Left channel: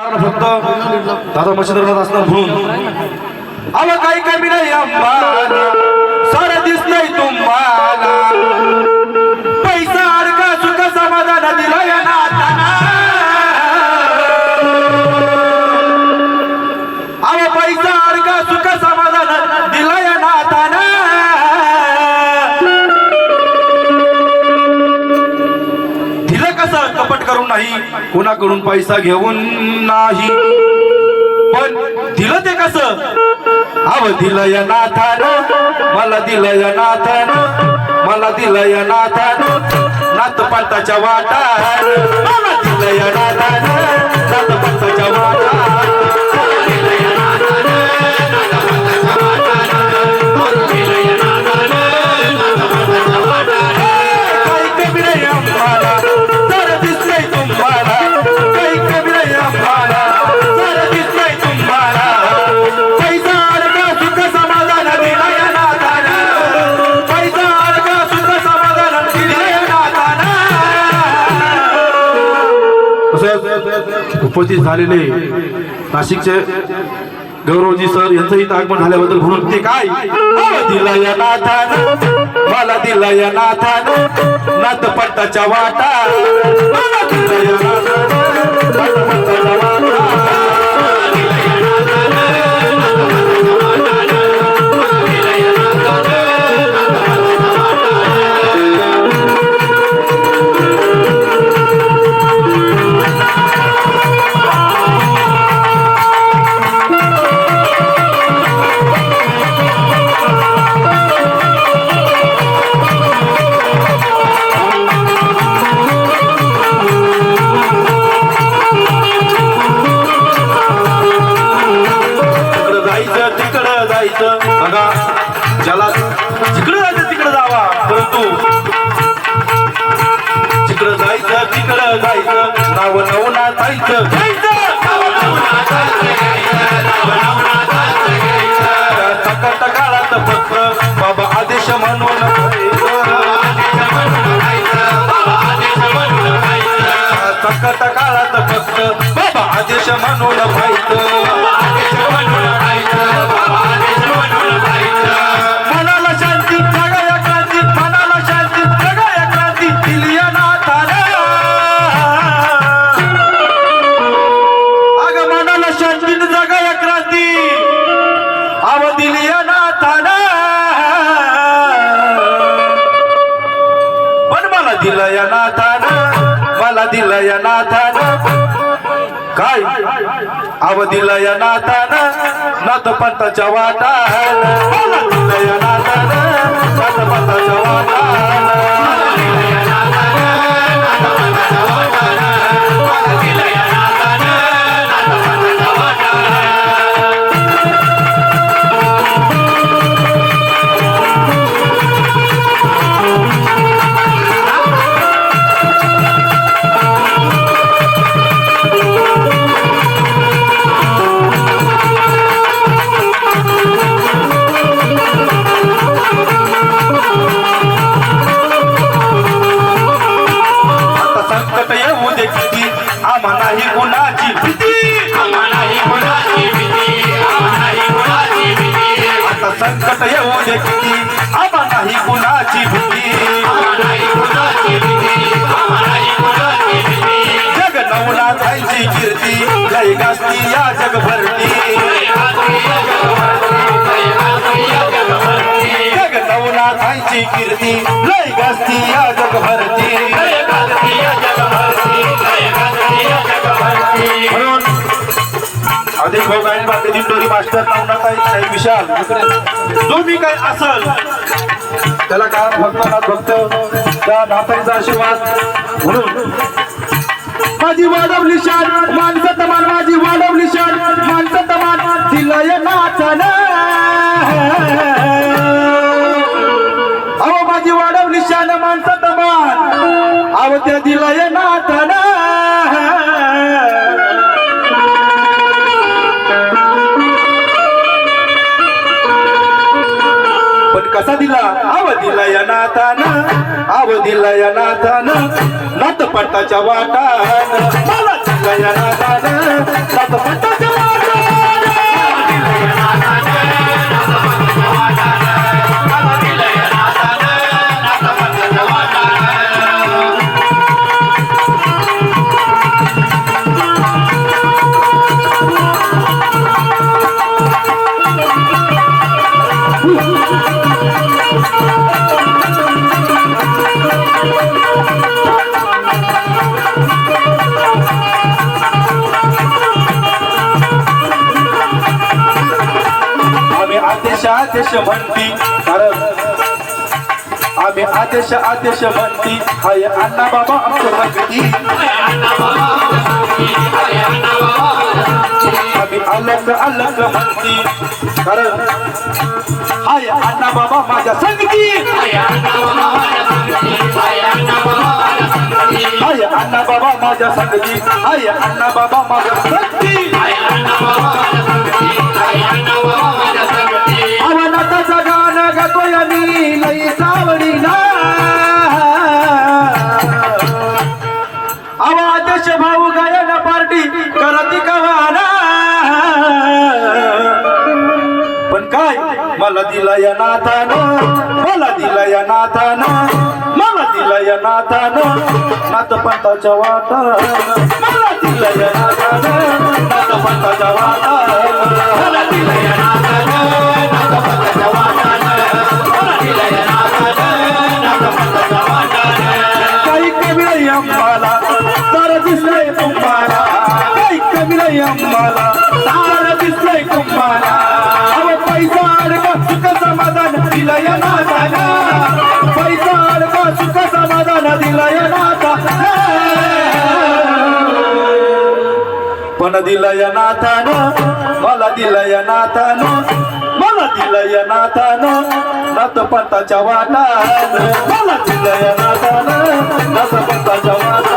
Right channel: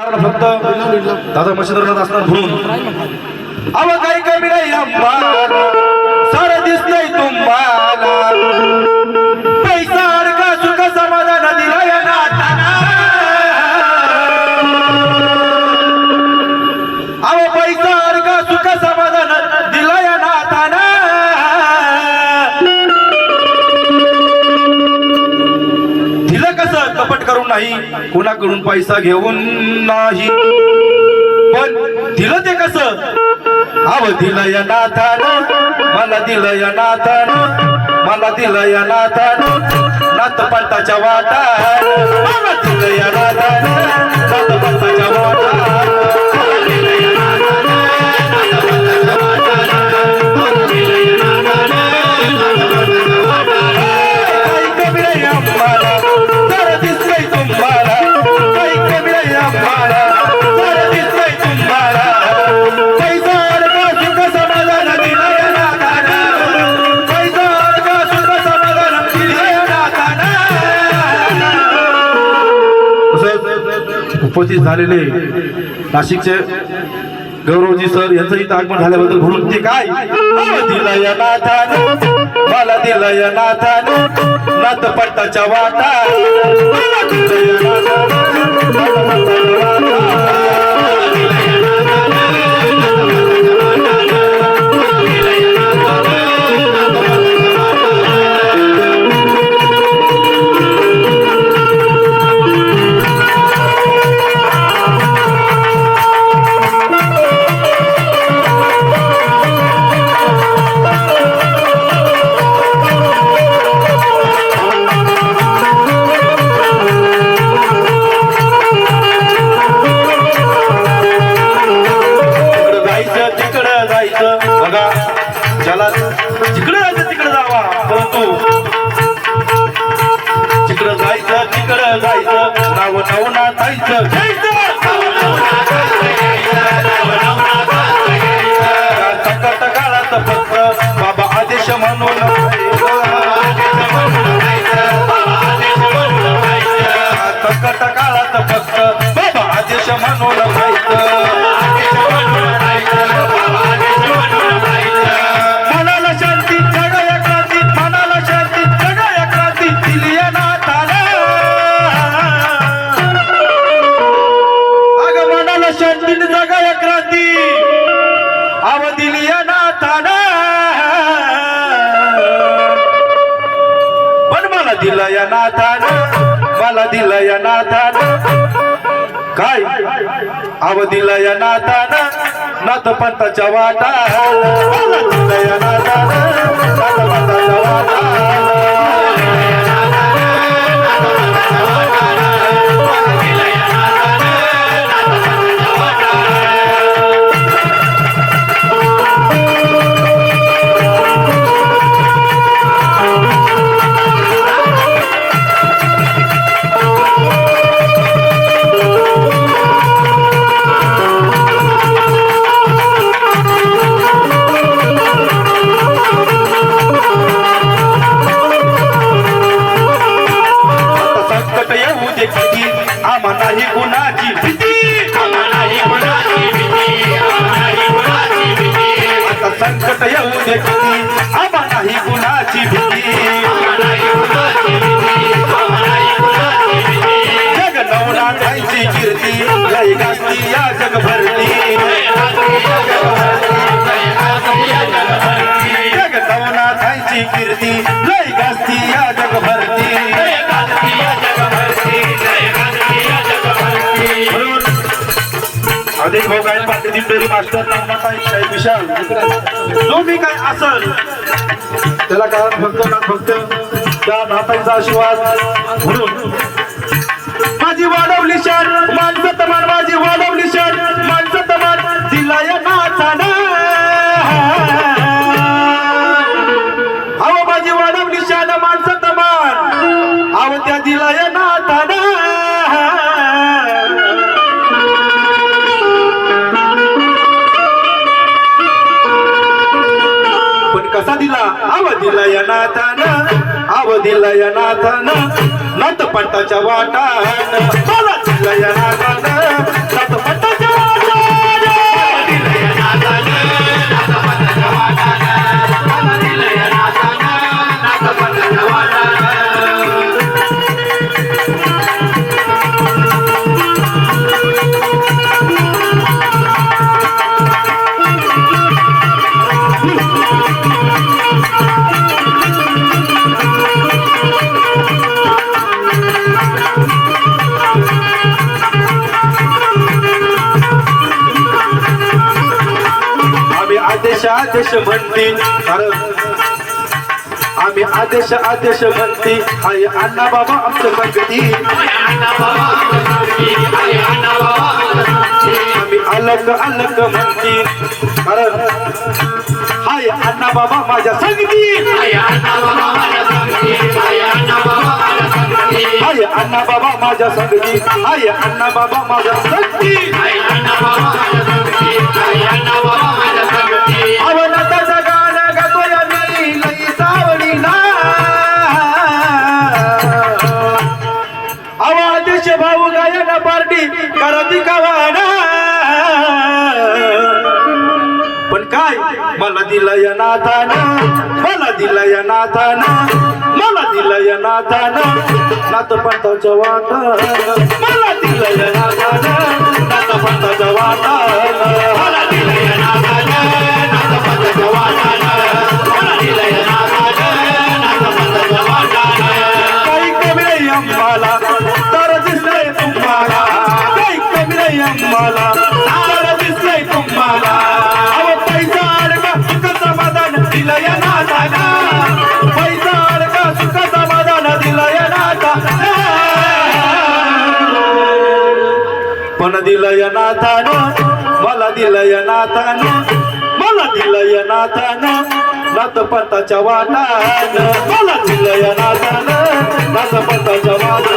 फक्त दादा मच्छिंद्रनाथ असणार म्हणून. अव काही कमी नाही आम्हाला सारं दिस नाही तुम्हाला. पैसा अडका सुख समाधान दिला या घेऊन नाही कुणाकडून पैसा घेऊन नाही. पण दिलं ते कसं? अव दिलं या नाथान मला दिलं या नाथान मला दिलं या नाथान नाथ पंताच्या वाटा मला दिलं या नाथान. तसंच उपस्थित झालेले नाशिकचे गौरवजी सर यांचं इथं आगमन झाल्याबद्दल म्हणून ते काय? दिला या नाथान मला दिला या नाथान नाथ पट्टाच्या वाटा काळात फक्त बाबा आदेश म्हणून या काळात फक्त बाबा आदेश म्हणून मला दिलं या नाथानं मला दिलं या नाथानं. काय? आव दिलं या नाथानं नाथ पंताच्या वाटा मला दिलं या नाथानं नाथ पंताच्या वाटा आता संकट येऊ दे किती? आम्हा नाही कुणाची भीती. जग नवला त्यांची कीर्ती जय गाती या जगभरती. जग नवला त्यांची कीर्ती लय गास्ती या जग या जगभरती. अनेक भाऊ गायन बाकीची टोरी मास्टर नवनाथाई शाही विशाल. जो मी काय असल त्याला काय फक्त ना फक्त त्या नातांचा आशीर्वाद म्हणून. माझी वाढवली शान माणसं तमान माझी वाढवली शान माणसं तमान दिला या नाथानं. अहो माझी वाढवली शान माणसं तमान अहो त्या दिला या दिला आव दिला या नाथानं आव दिला या नाथानं नाथ वाटानं. मला दिला या नाथानं आदेश म्हणती कारण आम्ही आदेश आदेश म्हणती हाय अण्णा बाबा आमचं भक्ती आम्ही अलग अलग म्हणती कारण अण्णा बाबा माझ्या संगती. हाय अण्णा बाबा माझ्या संगती. हाय अण्णा बाबा माझ्या संगती. काय मला दिलं या नाथानं मला दिलं या नाथानं मला दिलं या नाथानं. नात पंताच्या वाटानं मला दिलं या नाथानं. दिलं या नाथान मला दिलं या नाथान मला दिलं या नाथान नाथ पंताच्या वाटान मला दिलं या नाथान पंताच्या वाटान.